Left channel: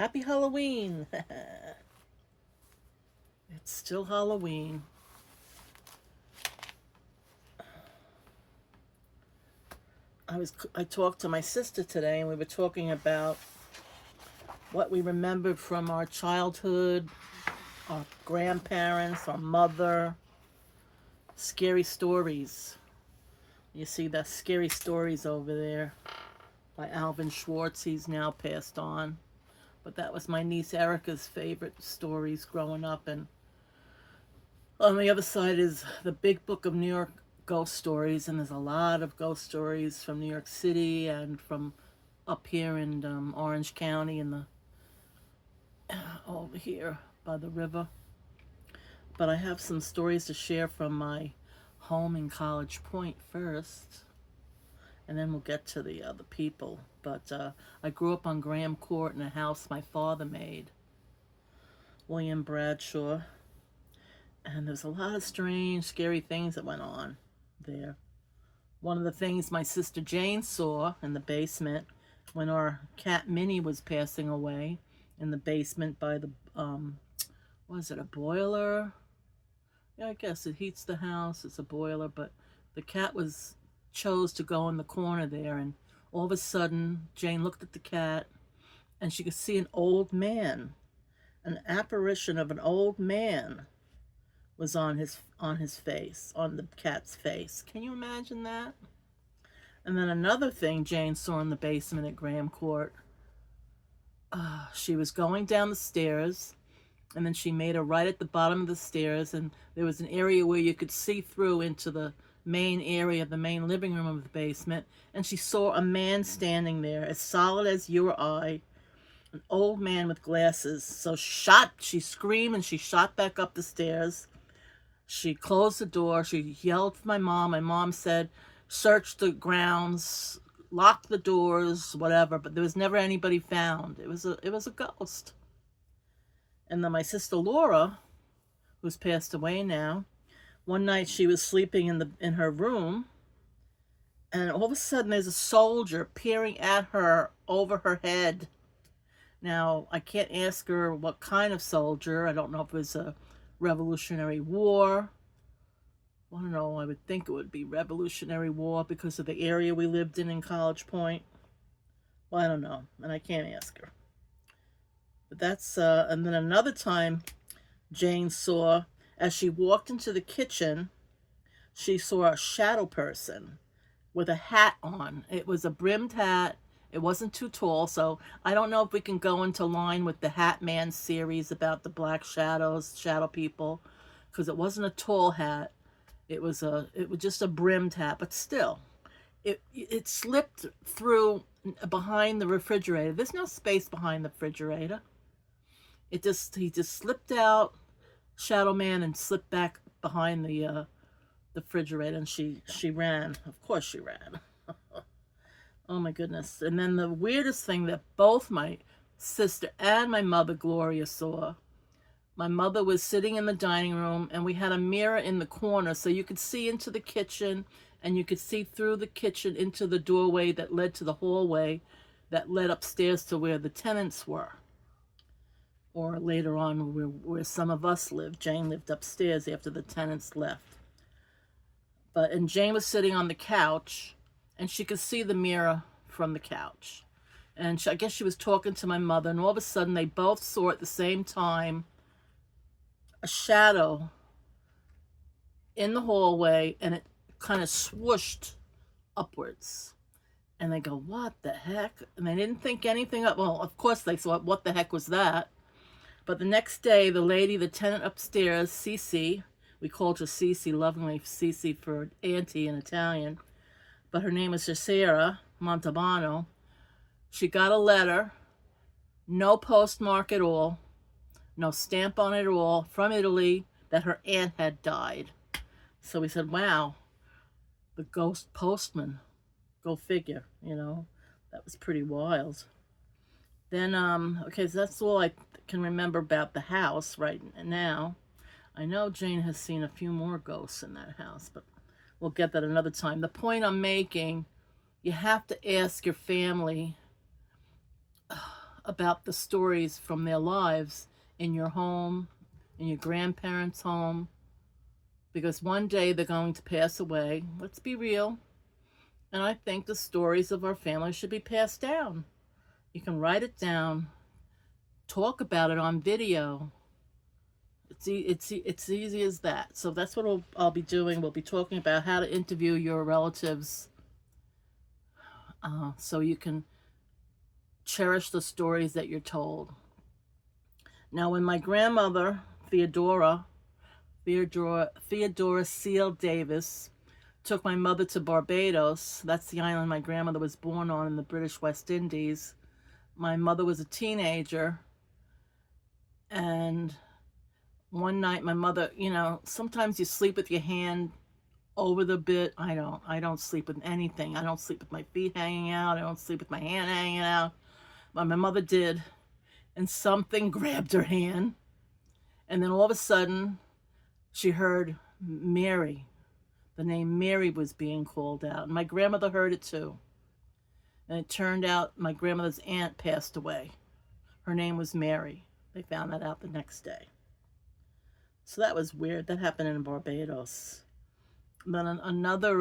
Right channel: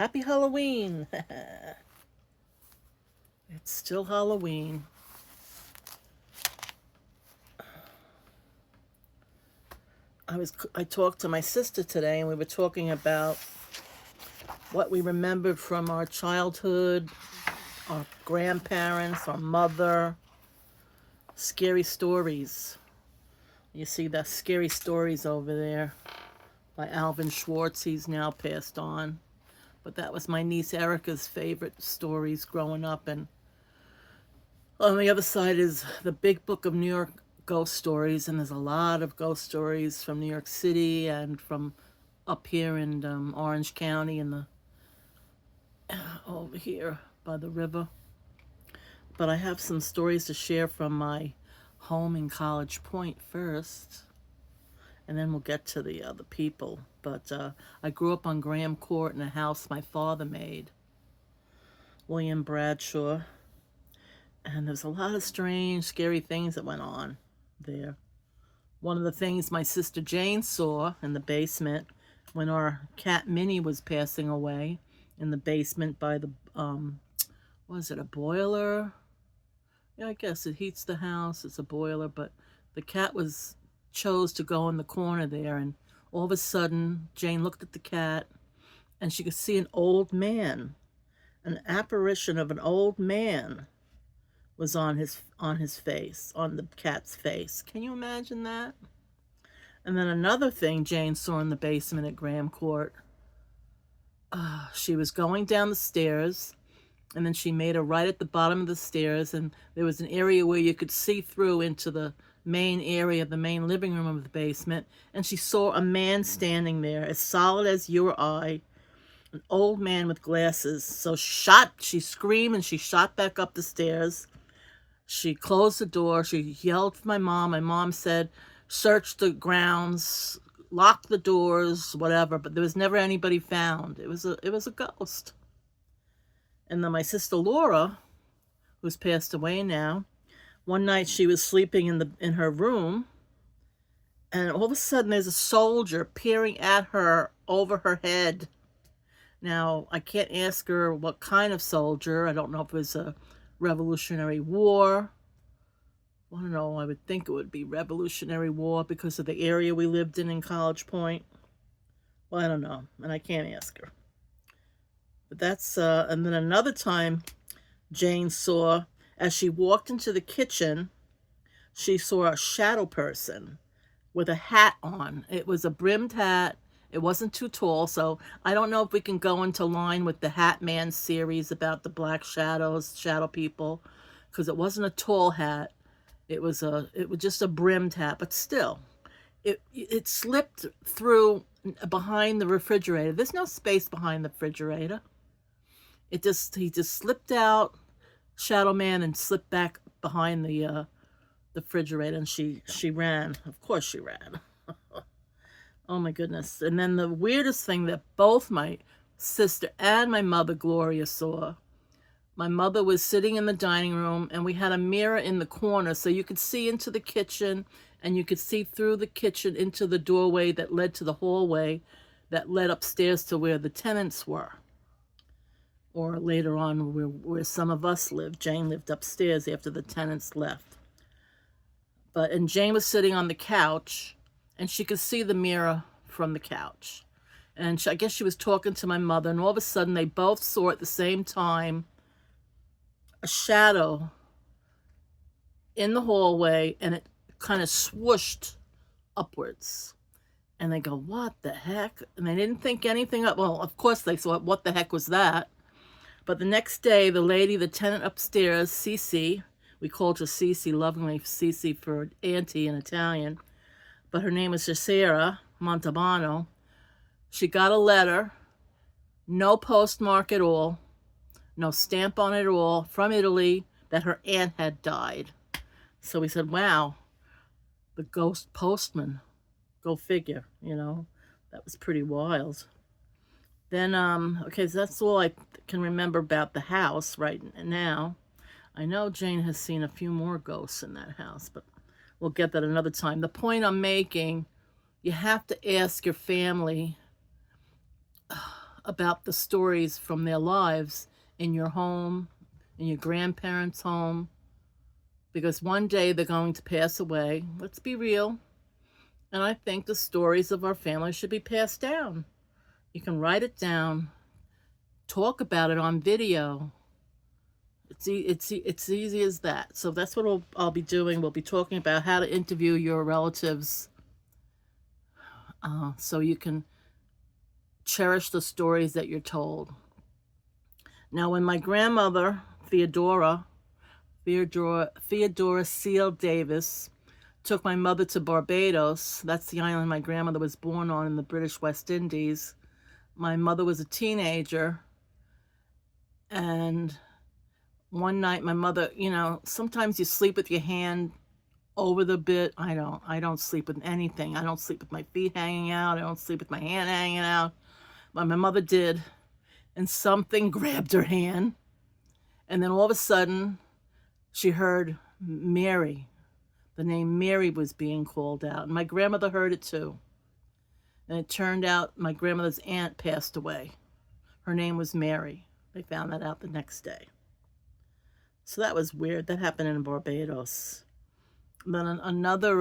Happy Halloween! It's still Halloween. I talked to my sister today, and we were talking about what we remembered from our childhood, our grandparents, our mother, scary stories. You see the scary stories over there by Alvin Schwartz. He's now passed on. But that was my niece Erica's favorite stories growing up. And on the other side is the Big Book of New York Ghost Stories. And there's a lot of ghost stories from New York City and from up here in Orange County and over here by the river. But I have some stories to share from my home in College Point first, and then we'll get to the other people. But I grew up on Graham Court in a house my father made, William Bradshaw, and there's a lot of strange, scary things that went on there. One of the things my sister Jane saw in the basement when our cat Minnie was passing away in the basement by the, was it a boiler? Yeah, I guess it heats the house. It's a boiler, but the cat chose to go in the corner there, and all of a sudden Jane looked at the cat and she could see an old man. An apparition of an old man was on his face, on the cat's face. Can you imagine that? And then another thing Jane saw in the basement at Graham Court. She was going down the stairs, and then she made a right at the bottom of the stairs, and there was an area where you could see through into the main area, the main living room of the basement, and she saw a man standing there as solid as you or I, an old man with glasses. So she screamed and she shot back up the stairs. She closed the door. She yelled for my mom. My mom said, search the grounds, lock the doors, whatever, but there was never anybody found. It was a ghost. And then my sister Laura, who's passed away now, one night she was sleeping in her room, and all of a sudden there's a soldier peering at her over her head. Now, I can't ask her what kind of soldier. I don't know if it was a Revolutionary War. I don't know. I would think it would be Revolutionary War because of the area we lived in College Point. Well, I don't know, and I can't ask her. But that's, and then another time Jane saw, as she walked into the kitchen, she saw a shadow person with a hat on. It was a brimmed hat. It wasn't too tall, so I don't know if we can go into line with the Hat Man series about the black shadows, shadow people, because it wasn't a tall hat. It was just a brimmed hat, but still, it slipped through behind the refrigerator. There's no space behind the refrigerator. He just slipped out, Shadow Man, and slipped back behind the refrigerator, and she ran. Of course she ran. Oh my goodness. And then the weirdest thing that both my sister and my mother Gloria saw. My mother was sitting in the dining room, and we had a mirror in the corner so you could see into the kitchen, and you could see through the kitchen into the doorway that led to the hallway that led upstairs to where the tenants were. Or later on where some of us lived. Jane lived upstairs after the tenants left. And Jane was sitting on the couch, and she could see the mirror from the couch. And I guess she was talking to my mother, and all of a sudden they both saw at the same time a shadow in the hallway, and it kind of swooshed upwards. And they go, what the heck? And they didn't think anything of, well, of course they thought, what the heck was that? But the next day, the tenant upstairs, Cece, we called her Cece lovingly, Cece for auntie in Italian, but her name is Cesara Montalbano. She got a letter, no postmark at all, no stamp on it at all, from Italy, that her aunt had died. So we said, wow, the ghost postman. Go figure, That was pretty wild. Then, okay, so that's all I can remember about the house right now. I know Jane has seen a few more ghosts in that house, but we'll get that another time. The point I'm making, you have to ask your family about the stories from their lives in your home, in your grandparents' home, because one day they're going to pass away. Let's be real. And I think the stories of our family should be passed down. You can write it down, talk about it on video. It's easy as that. So that's what I'll be doing. We'll be talking about how to interview your relatives, so you can cherish the stories that you're told. Now, when my grandmother, Theodora Seal Davis, took my mother to Barbados, that's the island my grandmother was born on in the British West Indies, my mother was a teenager, and one night my mother, sometimes you sleep with your hand over the bed. I don't sleep with anything. I don't sleep with my feet hanging out. I don't sleep with my hand hanging out. But my mother did, and something grabbed her hand, and then all of a sudden she heard Mary. The name Mary was being called out, and my grandmother heard it too. And it turned out my grandmother's aunt passed away. Her name was Mary. They found that out the next day. So that was weird. That happened in Barbados. Then another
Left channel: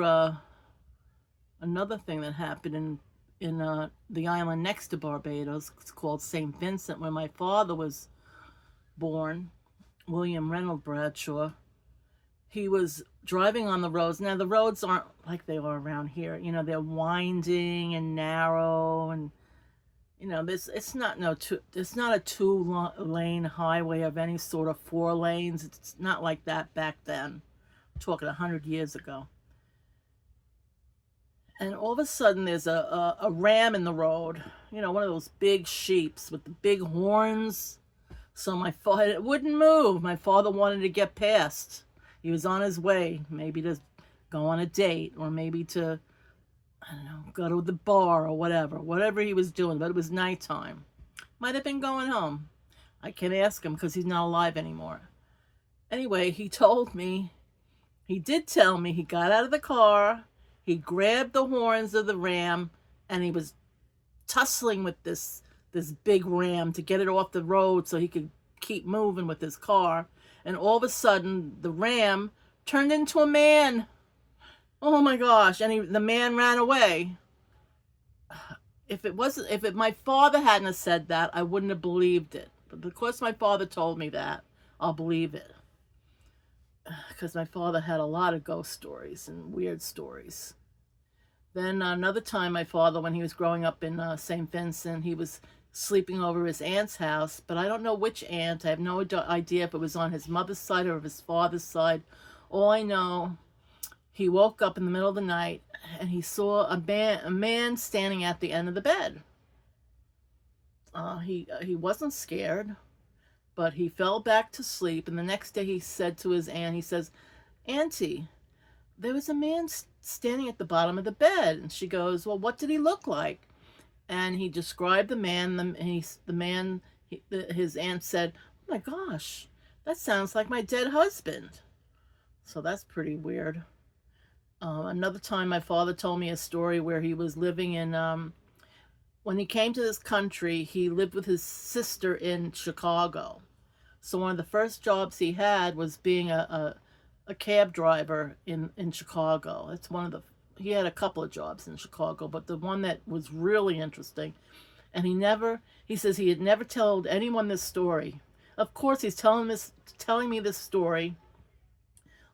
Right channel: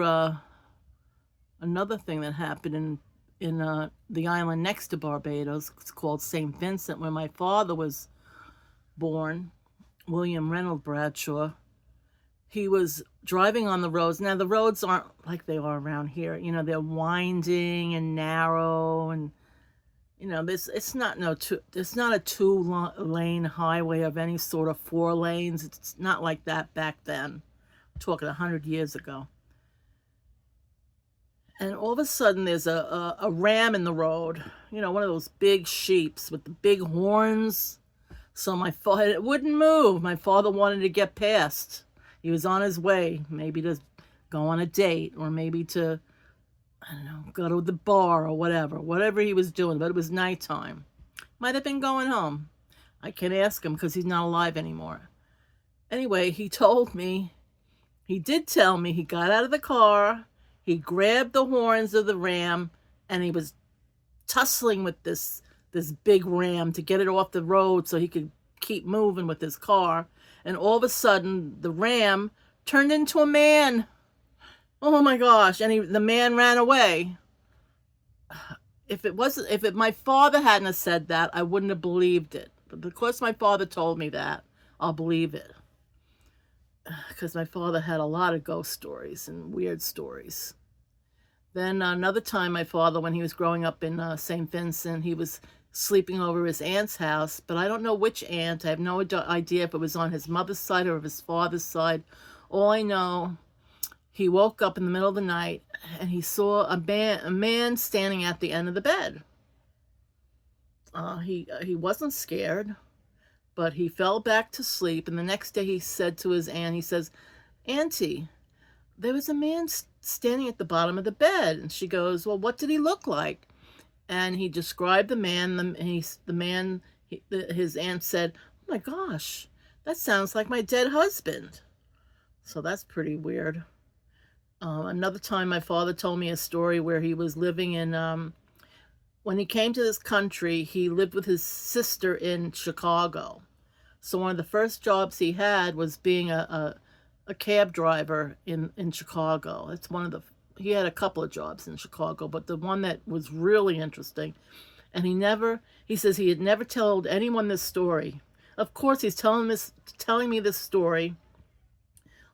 thing that happened in the island next to Barbados, it's called St. Vincent, where my father was born, William Reynold Bradshaw. He was driving on the roads. Now, the roads aren't like they are around here. They're winding and narrow, and it's not a two-lane highway of any sort of 4 lanes. It's not like that back then. I'm talking 100 years ago. And all of a sudden, there's a ram in the road. One of those big sheeps with the big horns. So my father, it wouldn't move. My father wanted to get past. He was on his way, maybe to go on a date, or maybe to, I don't know, go to the bar or whatever he was doing, but it was nighttime. Might have been going home. I can't ask him because he's not alive anymore. Anyway, he did tell me he got out of the car, he grabbed the horns of the ram, and he was tussling with this big ram to get it off the road so he could keep moving with his car. And all of a sudden, the ram turned into a man. Oh my gosh. And the man ran away. If my father hadn't have said that, I wouldn't have believed it. But because my father told me that, I'll believe it. Because my father had a lot of ghost stories and weird stories. Then another time, my father, when he was growing up in St. Vincent, he was sleeping over his aunt's house, but I don't know which aunt. I have no idea if it was on his mother's side or his father's side. All I know, he woke up in the middle of the night and he saw a man standing at the end of the bed. He wasn't scared, but he fell back to sleep. And the next day he said to his aunt, he says, "Auntie, there was a man standing at the bottom of the bed." And she goes, "Well, what did he look like?" And he described the man. His aunt said, "Oh my gosh, that sounds like my dead husband." So that's pretty weird. Another time, my father told me a story where he was living in, when he came to this country, he lived with his sister in Chicago. So one of the first jobs he had was being a cab driver in Chicago. That's he had a couple of jobs in Chicago, but the one that was really interesting, and he says he had never told anyone this story. Of course, he's telling me this story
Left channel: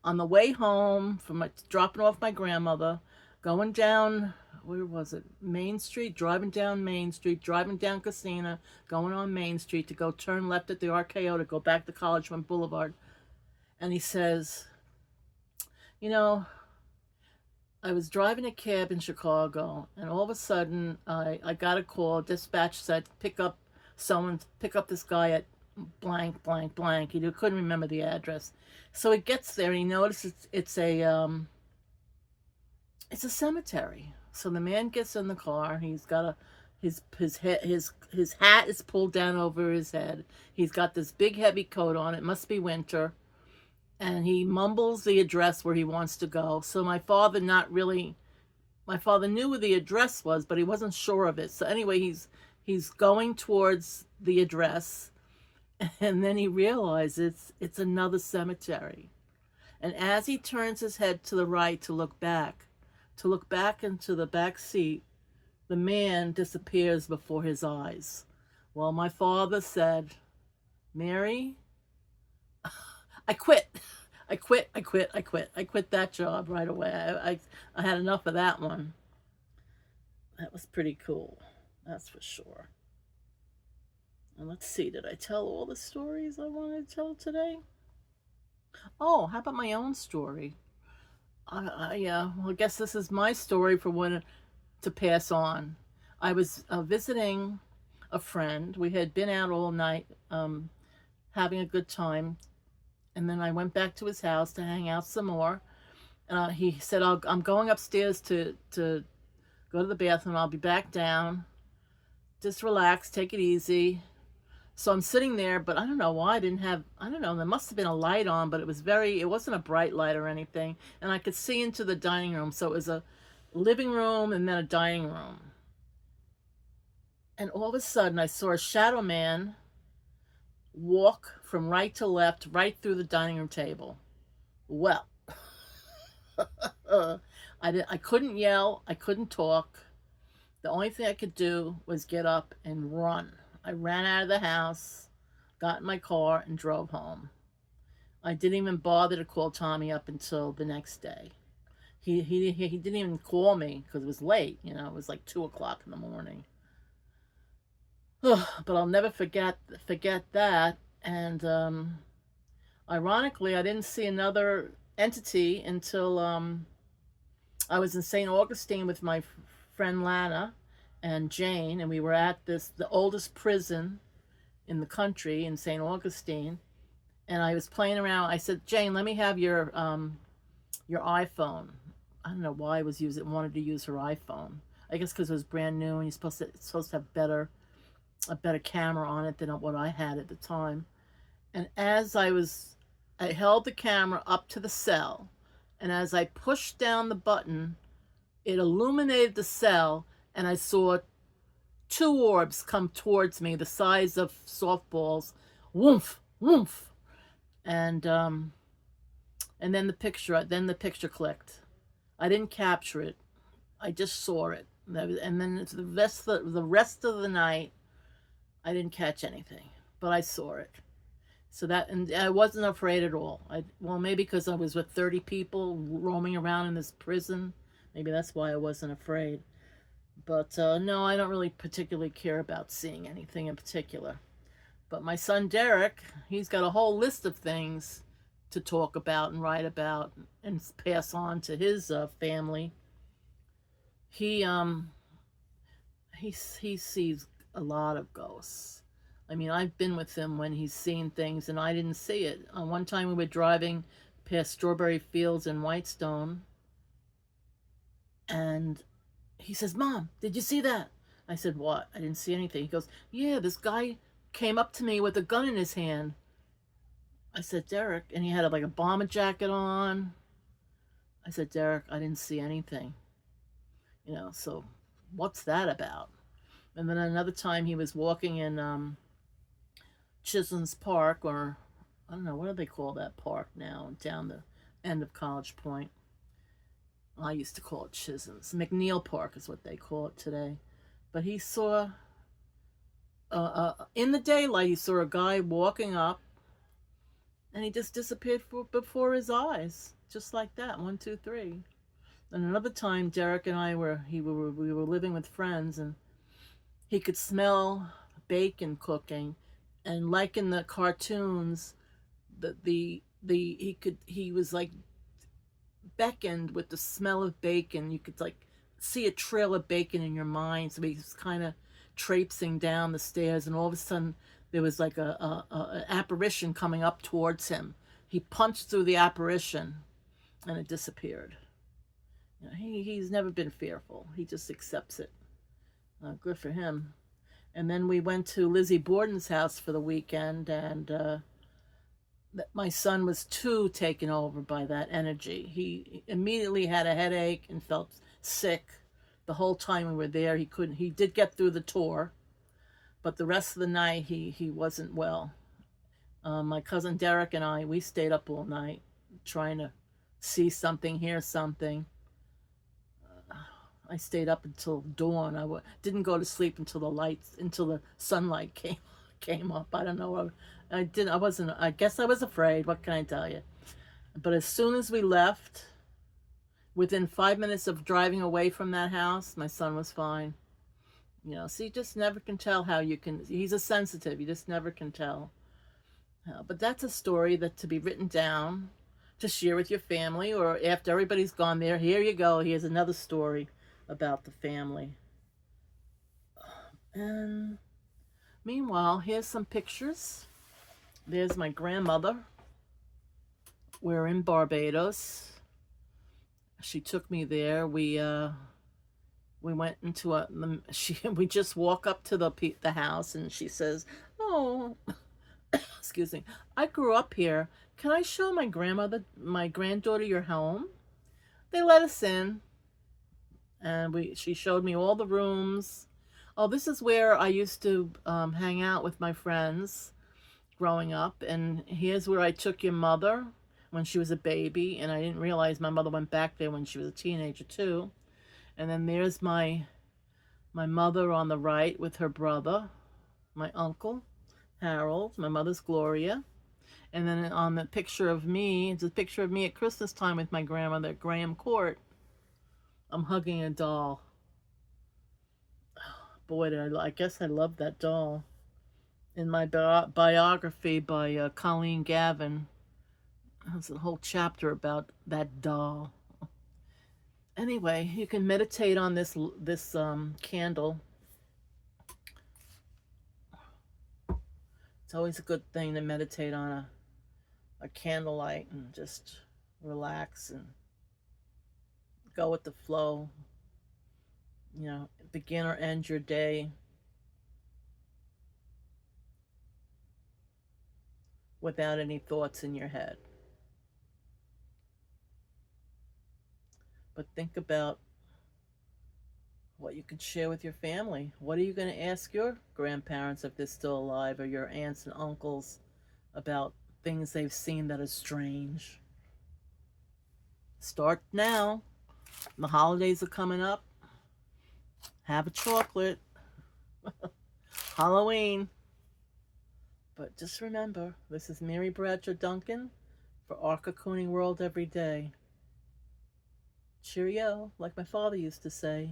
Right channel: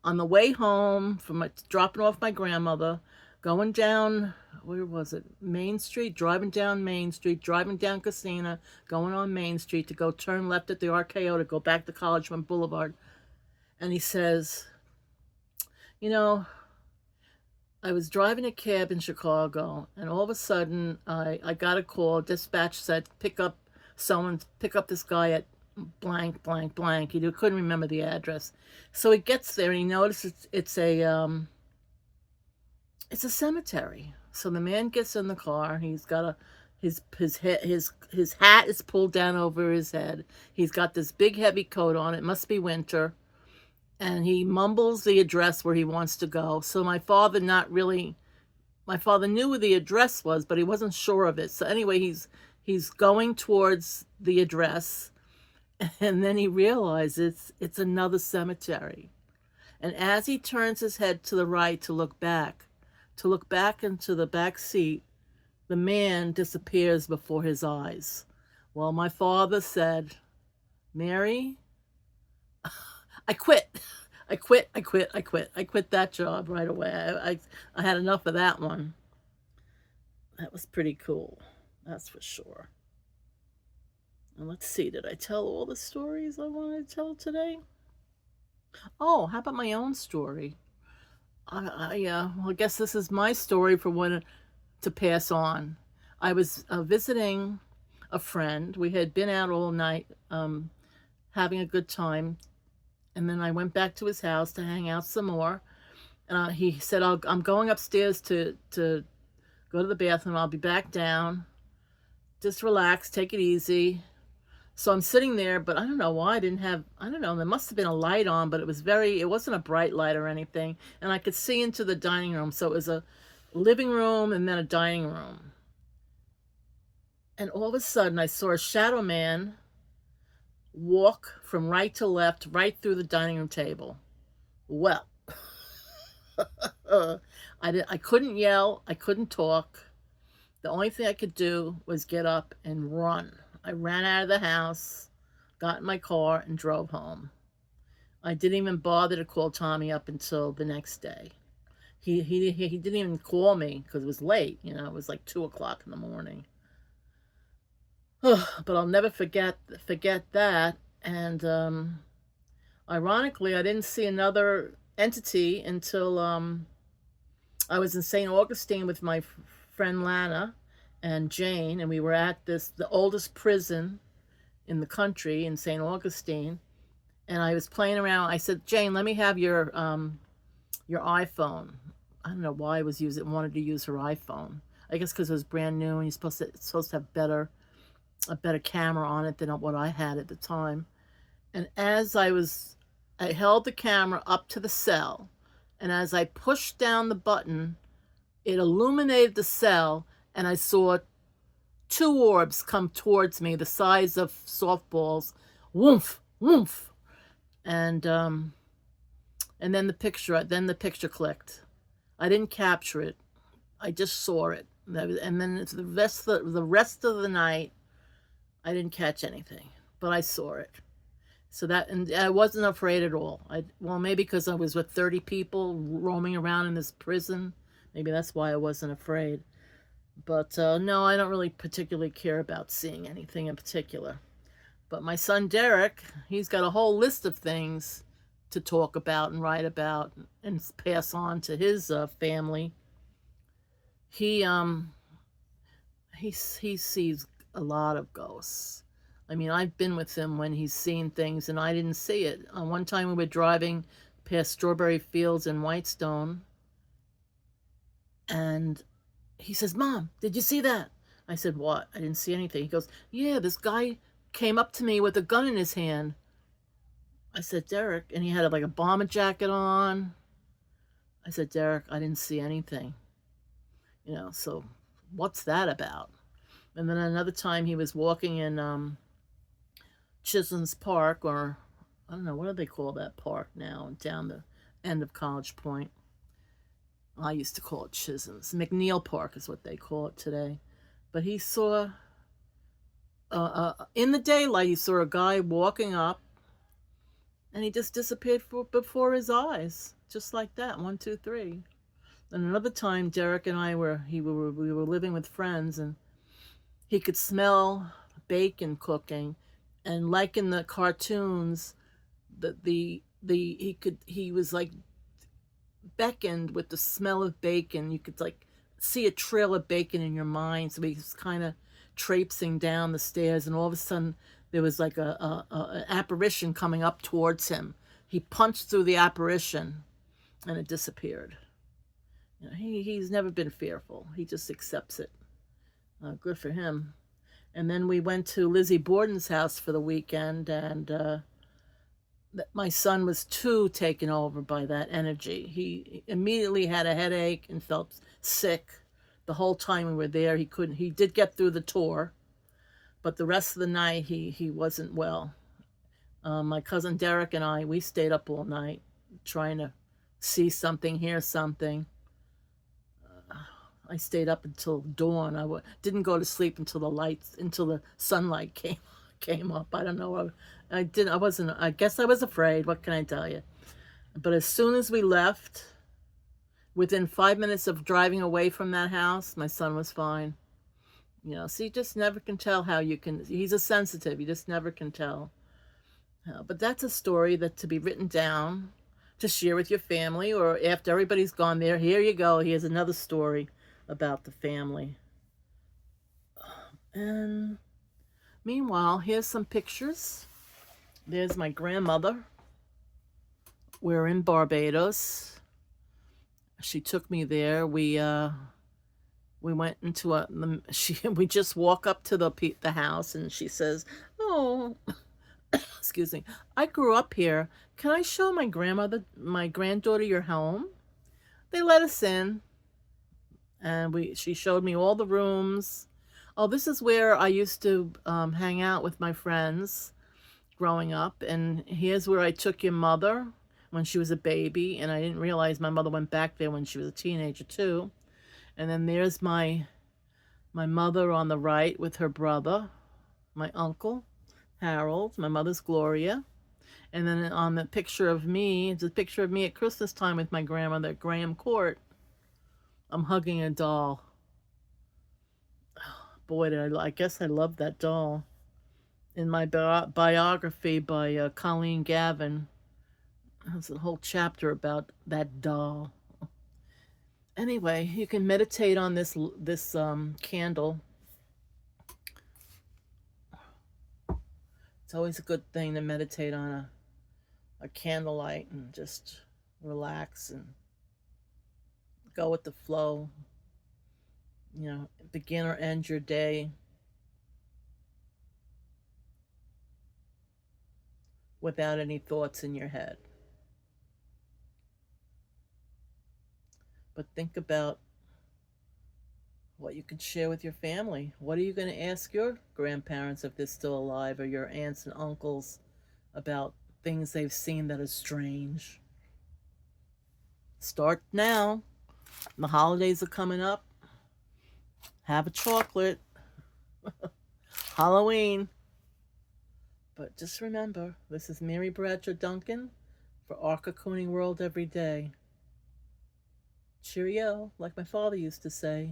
on the way home from dropping off my grandmother, going down, where was it? Main Street, driving down Main Street, driving down Casina, going on Main Street to go turn left at the RKO to go back to College Front Boulevard. And he says, I was driving a cab in Chicago, and all of a sudden, I got a call. Dispatch said, pick up this guy at blank, blank, blank. He couldn't remember the address. So he gets there, and he notices it's a cemetery. So the man gets in the car. He's got his hat is pulled down over his head. He's got this big heavy coat on. It must be winter. And he mumbles the address where he wants to go. So my father knew where the address was, but he wasn't sure of it. So anyway, He's going towards the address, and then he realizes it's another cemetery. And as he turns his head to the right to look back into the back seat, the man disappears before his eyes. Well, my father said, Mary, I quit. I quit. I quit. I quit. I quit that job right away. I had enough of that one. That was pretty cool. That's for sure. And let's see, did I tell all the stories I wanted to tell today? Oh, how about my own story? Well, I guess this is my story for when to pass on. I was visiting a friend. We had been out all night, having a good time, and then I went back to his house to hang out some more. He said, I'm going upstairs to go to the bathroom. I'll be back down. Just relax, take it easy. So I'm sitting there, but I don't know why I didn't have, I don't know, there must have been a light on, but it wasn't a bright light or anything. And I could see into the dining room. So it was a living room and then a dining room. And all of a sudden I saw a shadow man walk from right to left, right through the dining room table. Well, I couldn't yell, I couldn't talk. The only thing I could do was get up and run. I ran out of the house, got in my car, and drove home. I didn't even bother to call Tommy up until the next day. He didn't even call me because it was late. It was like 2 o'clock in the morning. But I'll never forget that. And ironically, I didn't see another entity until I was in St. Augustine with my friend Lana and Jane, and we were at the oldest prison in the country in St. Augustine, and I was playing around. I said, Jane, let me have your iPhone. I don't know why I wanted to use her iPhone. I guess because it was brand new, and it's supposed to have a better camera on it than what I had at the time. And as I held the camera up to the cell, and as I pushed down the button, it illuminated the cell, and I saw 2 orbs come towards me, the size of softballs. Woof, woof. And then the picture clicked. I didn't capture it. I just saw it. And then the rest of the night, I didn't catch anything, but I saw it. So and I wasn't afraid at all. Well, maybe because I was with 30 people roaming around in this prison. Maybe that's why I wasn't afraid. But no, I don't really particularly care about seeing anything in particular. But my son Derek, he's got a whole list of things to talk about and write about and pass on to his family. He sees a lot of ghosts. I mean, I've been with him when he's seen things and I didn't see it. One time we were driving past strawberry fields in Whitestone, and he says, Mom, did you see that? I said, what? I didn't see anything. He goes, yeah, this guy came up to me with a gun in his hand. I said, Derek, and he had like a bomber jacket on. I said, Derek, I didn't see anything. So what's that about? And then another time he was walking in Chisholm's Park, or I don't know, what do they call that park now, down the end of College Point? I used to call it Chisholm's. McNeil Park is what they call it today. But he saw, in the daylight, he saw a guy walking up, and he just disappeared before his eyes, just like that. 1, 2, 3. And another time, Derek and I we were living with friends, and he could smell bacon cooking, and like in the cartoons, he was like beckoned with the smell of bacon. You could like see a trail of bacon in your mind. So he was kind of traipsing down the stairs, and all of a sudden there was like an apparition coming up towards him. He punched through the apparition, and it disappeared. He's never been fearful. He just accepts it. Good for him. And then we went to Lizzie Borden's house for the weekend, and my son was too taken over by that energy. He immediately had a headache and felt sick the whole time we were there. He did get through the tour, but the rest of the night he wasn't well. My cousin Derek and I, we stayed up all night trying to see something, hear something. I stayed up until dawn. Didn't go to sleep until the sunlight came up. I don't know. I didn't. I wasn't. I guess I was afraid. What can I tell you? But as soon as we left, within 5 minutes of driving away from that house, my son was fine. You know, so you just never can tell how you can. He's a sensitive. You just never can tell. But that's a story that to be written down to share with your family, or after everybody's gone there. Here you go. Here's another story about the family. And meanwhile, here's some pictures. There's my grandmother. We're in Barbados. She took me there. We went into we just walk up to the house, and she says, "Oh, excuse me. I grew up here. Can I show my granddaughter your home?" They let us in, and she showed me all the rooms. Oh, this is where I used to hang out with my friends growing up, and here's where I took your mother when she was a baby, and I didn't realize my mother went back there when she was a teenager too. And then there's my mother on the right with her brother, my uncle Harold, my mother's Gloria. And then on the picture of me, it's a picture of me at Christmas time with my grandmother at Graham Court. I'm hugging a doll. Boy, I guess I love that doll. In my biography by Colleen Gavin, there's a whole chapter about that doll. Anyway, you can meditate on this candle. It's always a good thing to meditate on a candlelight and just relax and go with the flow. You know, begin or end your day without any thoughts in your head. But think about what you can share with your family. What are you going to ask your grandparents if they're still alive, or your aunts and uncles about things they've seen that are strange? Start now. The holidays are coming up. Have a chocolate. Halloween. But just remember, this is Mary Bradshaw Duncan for Our Cocooning World Every Day. Cheerio, like my father used to say.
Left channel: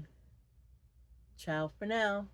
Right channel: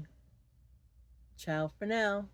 Ciao for now.